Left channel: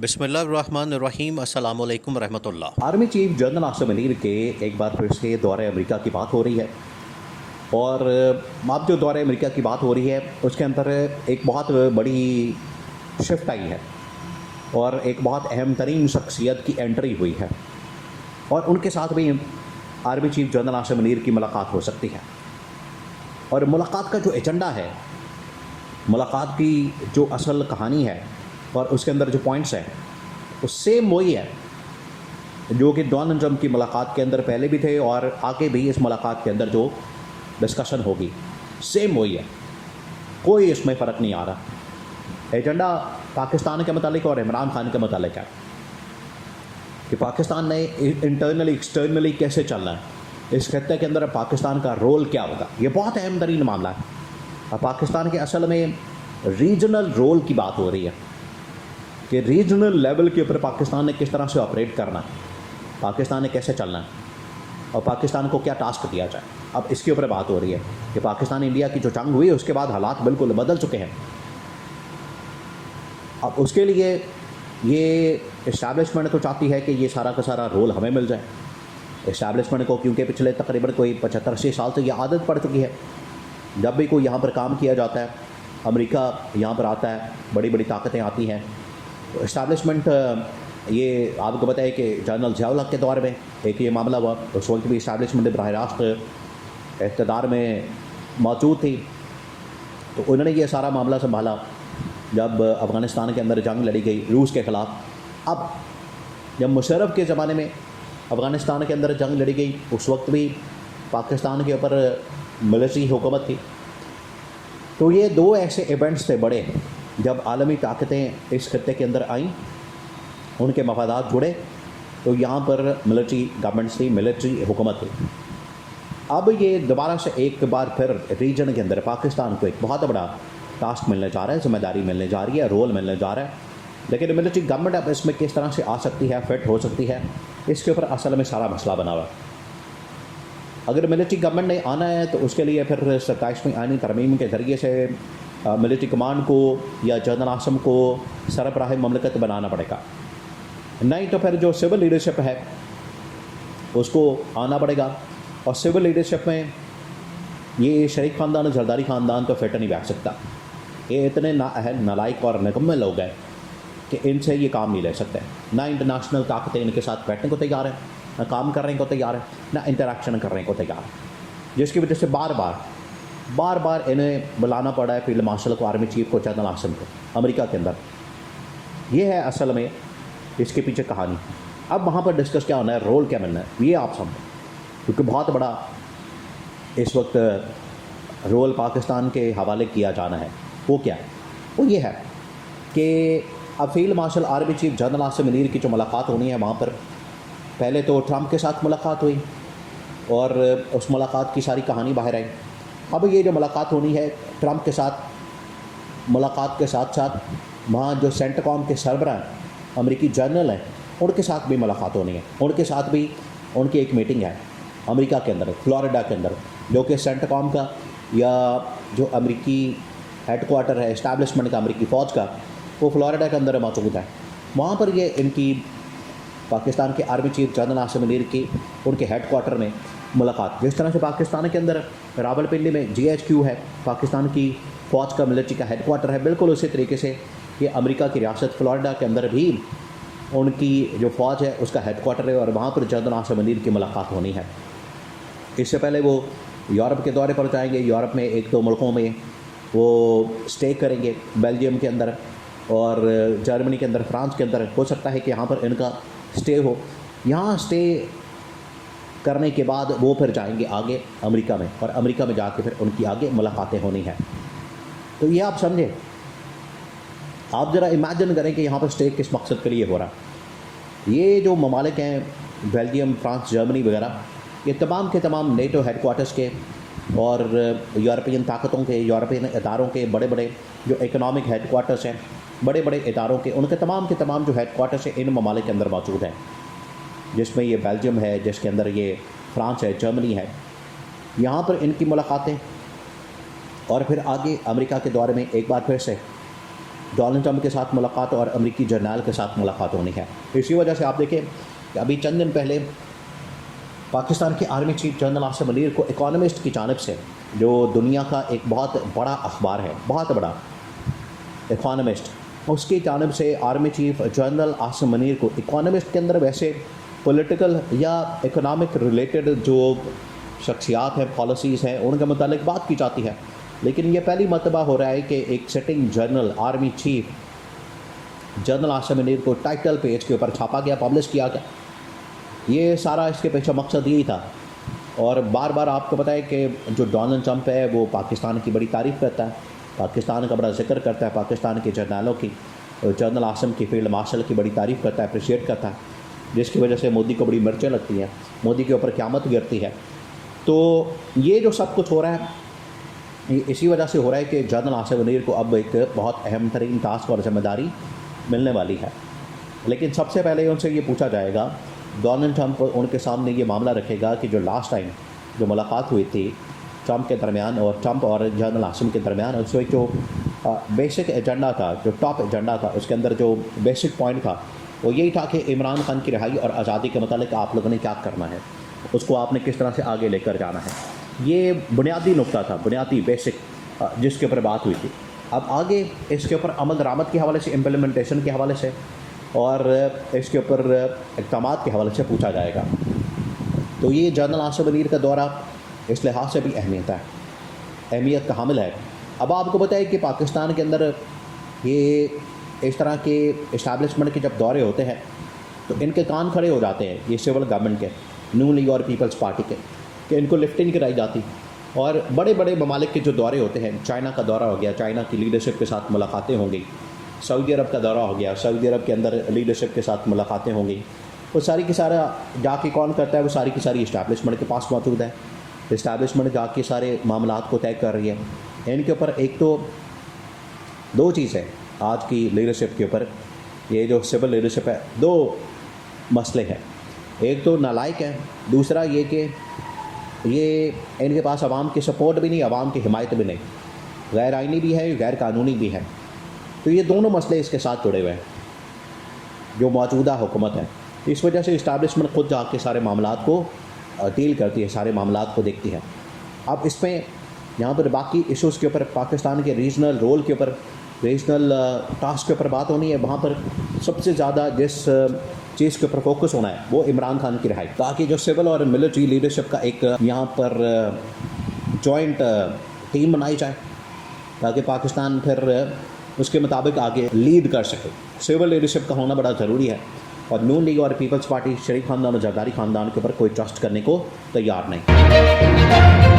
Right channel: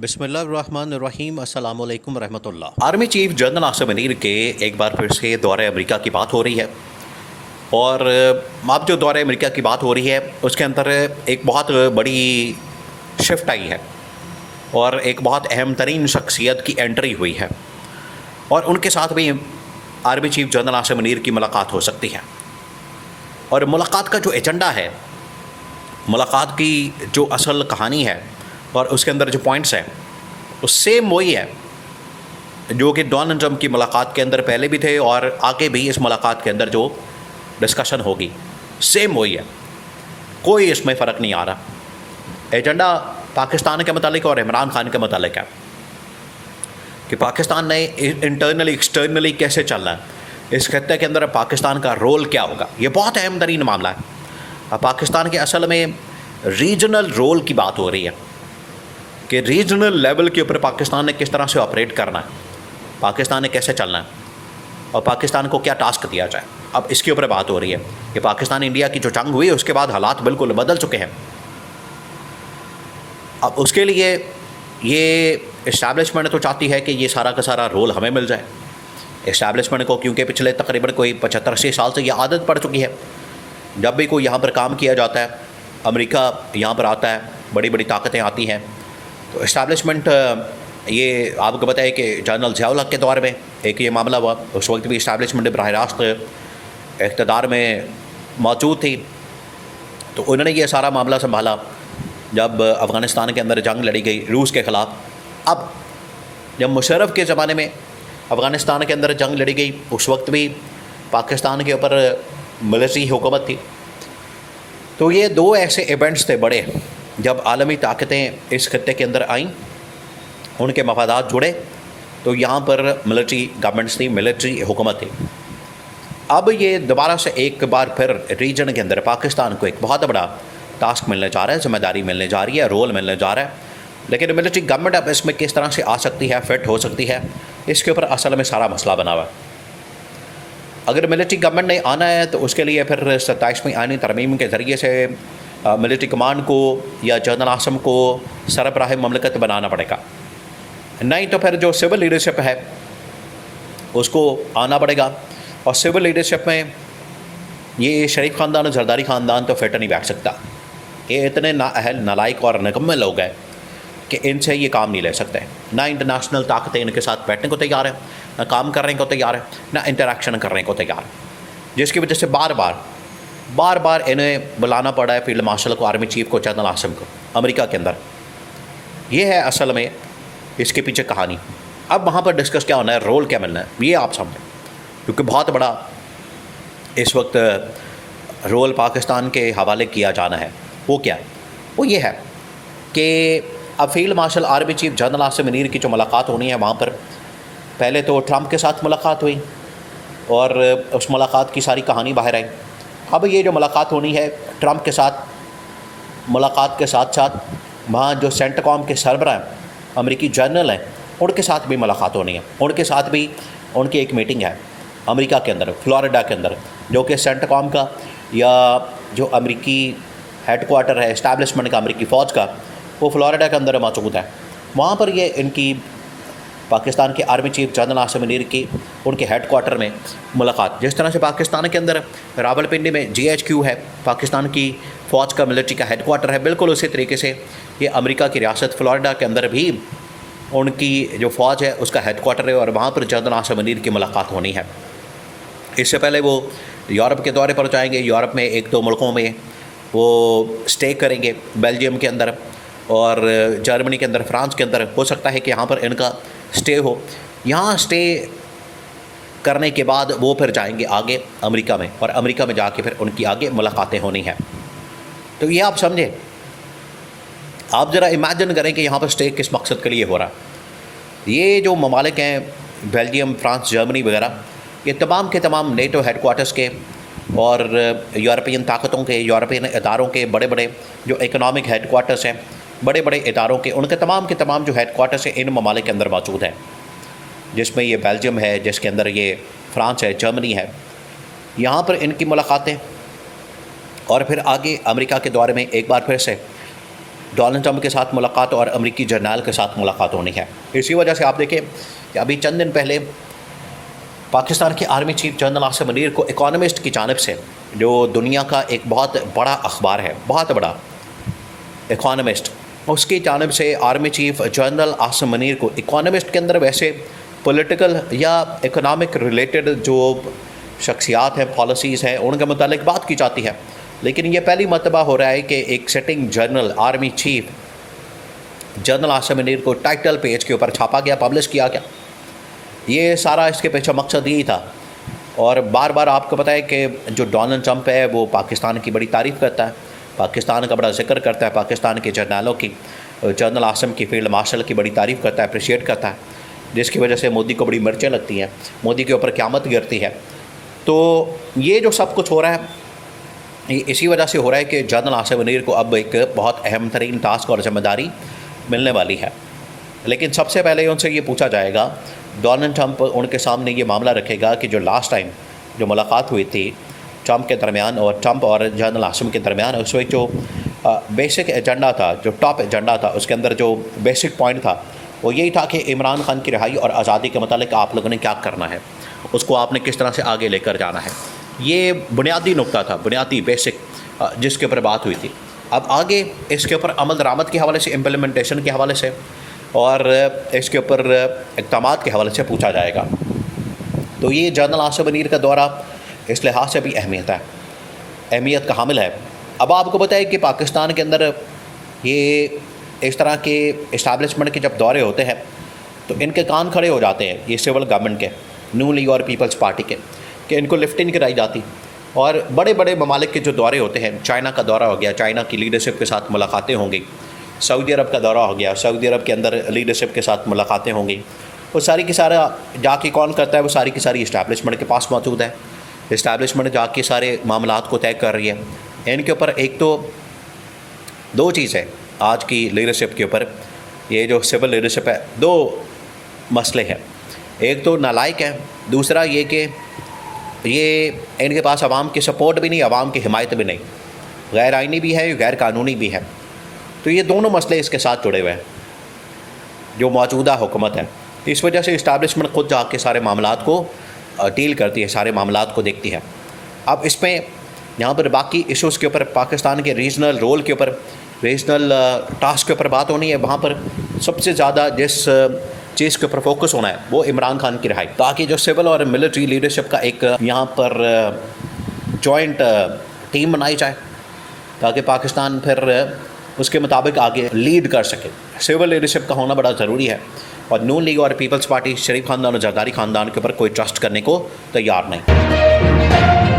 बिस्मिल्लाहिर्रहमानिर्रहीम अस्सलामु अलैकुम रहमतुल्लाह। Army chief general Asim Munir के एक बार फिर से दौरे अमेरिका की बात हो रही है। और अब जो दौरे अमेरिका की बात हो रही है उसके अंदर एक बहुत बड़ी शिफ्ट आई है और एक बहुत अहम तरीन शख्सियत की एंट्री हुई है और उनके साथ भी army chief general Asim Munir की मुलाकात हो सकती है। और मुलाकात का जो एजेंडा है, मुलाकात की जो असल कहानी है और उसके अंदर जो पॉइंट्स हैं वो सेम वही है जो कि डोनाल्ड ट्रंप की मुलाकात के अंदर पहले भी थे और आगे भी इस मुलाकात के अंदर जो डिस्कशन होगी सेम वही है। कोई इसमें फ़र्क नहीं आ रहा। एजेंडा पाकिस्तान के मतलब और इमरान खान के मतलब है कि पाकिस्तान ने इंटरनली एक्सटर्नली कैसे चलना है, इस खत्ते के अंदर पाकिस्तान का रोल क्या होगा। ये बहुत अहम तरीन मामला है। अब पाकिस्तान के असल में रीजनल रोल की बात हो रही है कि रीजनल लेवल के ऊपर पाकिस्तान ने किस तरह से ऑपरेट करना है, पाकिस्तान ने कैसे चलना है और पाकिस्तान को क्या टास्क दिया जाए। अब इसके ऊपर बात हो रही है कि पाकिस्तान इंडिया की जो जंग हुई उसके बाद हालात बिल्कुल बदल चुके हैं। अब उसके लिए ये इस्टेब्लिशमेंट तो चाहती है कि ये सारा का सारा रोल हमें मिल जाए इस्टेब्लिशमेंट को, क्योंकि पिछले तकरीबन कोई 75-80 साल से ये आदत पड़ चुकी है। जब भी कोई यहाँ पर काम किया जाता है, अमेरिका यहाँ पर आता है, बड़ी बड़ी ताकतें आती हैं, तो इस्टेब्लिशमेंट ये आपको पता है कि जनरल ज़िया उल हक के दौर में एक ये मामला हुआ। उस वक्त भी इस्टेब्लिशमेंट बराह रास्त इक़्तिदार में मौजूद थी, तो उन्होंने ये सारा मामला संभाला जब अफ़गानिस्तान के अंदर जंग लड़ी गई रूस के ख़िलाफ़। अब जब मुशर्रफ के ज़माने में अफ़गानिस्तान के अंदर जंग लड़ी गई, उस वक्त भी पाकिस्तान के ऊपर मिलिट्री हुकूमत थी। तो ये दो ऐसे इवेंट्स थे बड़े, जब आलमी ताकतें इस खत्ते के अंदर आईं, उनके मफादात जुड़े, तो यहाँ पर मिलिट्री गवर्नमेंट्स थी, मिलिट्री हुकूमत थी। अब ये दोबारा से एक बार फिर रीजन के अंदर पाकिस्तान को एक बहुत बड़ा टास्क मिलने जा रहा है, जिम्मेदारी मिलने जा रही है, रोल मिलने जा रहा है। लेकिन मिलिट्री गवर्नमेंट अब इसमें किस तरह से आ सकती है, फिट हो सकती है, इसके ऊपर असल में सारा मसला बना हुआ है। अगर मिलिट्री गवर्नमेंट ने आना है तो उसके लिए फिर 27वीं आईनी तरमीम के ज़रिए से मिलिट्री कमांड को या जनरल आसम को सरबराह ममलकत बनाना पड़ेगा। नहीं तो फिर जो सिविल लीडरशिप है उसको आना पड़ेगा। और सिविल लीडरशिप में ये शरीफ ख़ानदान और जरदारी ख़ानदान तो फिट नहीं बैठ सकता। ये इतने नाअहल, नालायक और निकम्मे लोग हैं कि इनसे ये काम नहीं ले सकते। ना इंटरनेशनल ताकतें इनके साथ बैठने को तैयार है, ना काम करने को तैयार है, ना इंटरेक्शन करने को तैयार है, जिसकी वजह से बार बार इन्हें बुलाना पड़ा है फील्ड मार्शल को, आर्मी चीफ को, जनरल आसिम को अमेरिका के अंदर। ये है असल में इसके पीछे कहानी। अब वहाँ पर डिस्कस क्या होना है, रोल क्या मिलना है, ये आप समझें, क्योंकि बहुत बड़ा इस वक्त रोल पाकिस्तान के हवाले किया जाना है। वो क्या है? वो ये है कि अब field marshal army chief general Asim Munir की जो मुलाकात होनी है, वहाँ पर पहले तो ट्रंप के साथ मुलाकात हुई और उस मुलाकात की सारी कहानी बाहर आई। अब ये जो मुलाकात होनी है ट्रंप के साथ, मुलाकात के साथ साथ वहाँ जो सेंटकॉम के सरबराह अमेरिकी जनरल हैं उनके साथ भी मुलाकात होनी है। उनके साथ भी उनकी एक मीटिंग है अमेरिका के अंदर, फ्लोरिडा के अंदर, जो कि सेंटकॉम का या जो अमेरिकी हेडक्वार्टर है इस्टेब्लिशमेंट का अमेरिकी फ़ौज का, वो फ्लोरिडा के अंदर मौजूद है। वहाँ पर ये इनकी पाकिस्तान के army chief general Asim Munir की उनके हेडक्वार्टर में मुलाकात। जिस तरह से पाकिस्तान के अंदर रावलपिंडी में GHQ है, पाकिस्तान की फ़ौज का मिलिट्री का हेडक्वार्टर है, बिल्कुल उसी तरीके से ये अमेरिका की रियासत फ्लोरिडा के अंदर भी उनकी जो फ़ौज है उसका हेडक्वार्टर है और वहाँ पर जनरल आसिम मुनीर की मुलाकात होनी है। इससे पहले वो यूरोप के दौरे पर जाएंगे। यूरोप में 1-2 मुल्कों में वो स्टे करेंगे, बेल्जियम के अंदर और जर्मनी के अंदर, फ्रांस के अंदर। हो सकता है कि यहाँ पर इनका स्टे हो। यहाँ स्टे करने के बाद वो फिर जाएंगे आगे अमेरिका में, और अमेरिका में जाके फिर उनकी आगे मुलाकातें होनी हैं। तो ये आप समझें, आप ज़रा इमेजिन करें कि यहाँ पर स्टे किस मकसद के लिए हो रहा। ये जो ममालिक हैं बेल्जियम, फ्रांस, जर्मनी वगैरह, ये तमाम के तमाम नेटो हेडक्वार्टर्स के और यूरोपियन ताकतों के, यूरोपियन इदारों के बड़े बड़े जो इकनॉमिक हेडक्वार्टर्स हैं, बड़े बड़े इदारों के, उनके तमाम के तमाम जो हेडक्वार्टर्स हैं इन ममालिक के अंदर मौजूद हैं, जिसमें ये बेल्जियम है, जिसके अंदर ये फ्रांस है, जर्मनी है। यहाँ पर इनकी मुलाकातें और फिर आगे अमेरिका के दौरे में एक बार फिर से डोनाल्ड ट्रंप के साथ मुलाकात और अमेरिकी जर्नल के साथ मुलाकात होनी है। इसी वजह से आप देखें कि अभी चंद दिन पहले पाकिस्तान के army chief general Asim Munir को इकोनॉमिस्ट की जानिब से, जो दुनिया का एक बहुत बड़ा अखबार है, बहुत बड़ा इकोनॉमिस्ट, उसकी जानिब से army chief general Asim Munir को इकोनॉमिस्ट के अंदर वैसे पॉलिटिकल या इकोनॉमिक रिलेटेड जो शख्सियात हैं, पॉलिसीज़ हैं, उनके मुतालिक बात की जाती है। लेकिन ये पहली मरतबा हो रहा है कि एक sitting general army chief general Asim Munir को टाइटल पेज के ऊपर छापा गया, पब्लिश किया गया। ये सारा इसके पीछे मकसद यही था। और बार बार आपको पता है कि जो डोनाल्ड ट्रंप है वो पाकिस्तान की बड़ी तारीफ़ करता है, पाकिस्तान का बड़ा जिक्र करता है, पाकिस्तान के जर्नलों की, जनरल आसिम की, फील्ड मार्शल की बड़ी तारीफ़ करता है, अप्रिशिएट करता है, जिसकी वजह से मोदी को बड़ी मिर्चें लगती हैं, मोदी के ऊपर क़यामत गिरती है। तो ये जो सब कुछ हो रहा है, इसी वजह से हो रहा है कि जनरल आसिम मुनीर को अब एक बहुत अहम तरीन टास्क और ज़िम्मेदारी मिलने वाली है। लेकिन सबसे पहले उनसे ये पूछा जाएगा, डोनाल्ड ट्रंप उनके सामने ये मामला रखेगा कि जो लास्ट टाइम जो मुलाकात हुई थी ट्रंप के दरमियान और ट्रंप और जनरल आसिम के दरमियान, उस वक्त जो बेसिक एजेंडा था, जो टॉप एजेंडा था, उसके अंदर जो बेसिक पॉइंट था वो यही था कि इमरान खान की रिहाई और आज़ादी के मतलब आप लोगों ने क्या करना है, उसको आपने किस तरह से आगे लेकर जाना है। ये बुनियादी नुक्ता था, बुनियादी बेसिक, जिसके ऊपर बात हुई थी। अब आगे इसके ऊपर अमल दरामद के हवाले से, इम्प्लीमेंटेशन के हवाले से और इसके ऊपर इक़दामात के हवाले से पूछा जाएगा। तो ये जनरल आसिम मुनीर का दौरा इस लिहाज से भी अहमियत का हामिल है। अब आपको बताएं कि पाकिस्तान के अंदर ये इस तरह के इस्टेब्लिशमेंट के जब दौरे होते हैं तो इनके कान खड़े हो जाते हैं, ये सिविल गवर्नमेंट के, नून लीग और पीपल्स पार्टी के, कि इनको लिफ्ट नहीं कराई जाती। और बड़े बड़े ममालिक के जो दौरे होते हैं, चाइना का दौरा हो गया, चाइना की लीडरशिप के साथ मुलाकातें होंगी, सऊदी अरब का दौरा हो गया, सऊदी अरब के अंदर लीडरशिप के साथ मुलाकातें होंगी, वो सारी की सारा जाके कौन करता है, वो सारी की सारी इस्टेब्लिशमेंट के पास मौजूद है। इस्टेब्लिशमेंट जाके सारे मामलात को तय कर रही है। इनके ऊपर एक तो दो चीज़ है आज की लीडरशिप के ऊपर, ये जो सिविल लीडरशिप है, दो मसले हैं। एक तो नालायक है, दूसरा ये कि ये इनके पास आवाम की सपोर्ट भी नहीं, आवाम की हिमायत भी नहीं, गैर आइनी भी है, गैर कानूनी भी है। तो ये दोनों मसले इसके साथ जुड़े हुए हैं जो मौजूदा हुकूमत है। इस वजह से इस्टेब्लिशमेंट खुद जाके सारे मामलात को डील करती है, सारे मामलात को देखती है। अब इसमें यहाँ पर बाकी इशूज़ के ऊपर, पाकिस्तान के रीजनल रोल के ऊपर, रीजनल टास्क के ऊपर बात होनी है। वहाँ पर सबसे ज़्यादा जिस चीज़ के ऊपर फोकस होना है वो इमरान खान की रिहाई, ताकि जो सिविल और मिलिट्री लीडरशिप का एक यहाँ पर जॉइंट टीम बनाई जाए, ताकि पाकिस्तान फिर उसके मुताबिक आगे लीड कर सके। सिविल लीडरशिप का होना बड़ा ज़रूरी है। और नून लीग और पीपल्स पार्टी शरीफ खानदान और जरदारी खानदान के ऊपर कोई ट्रस्ट करने को तैयार नहीं।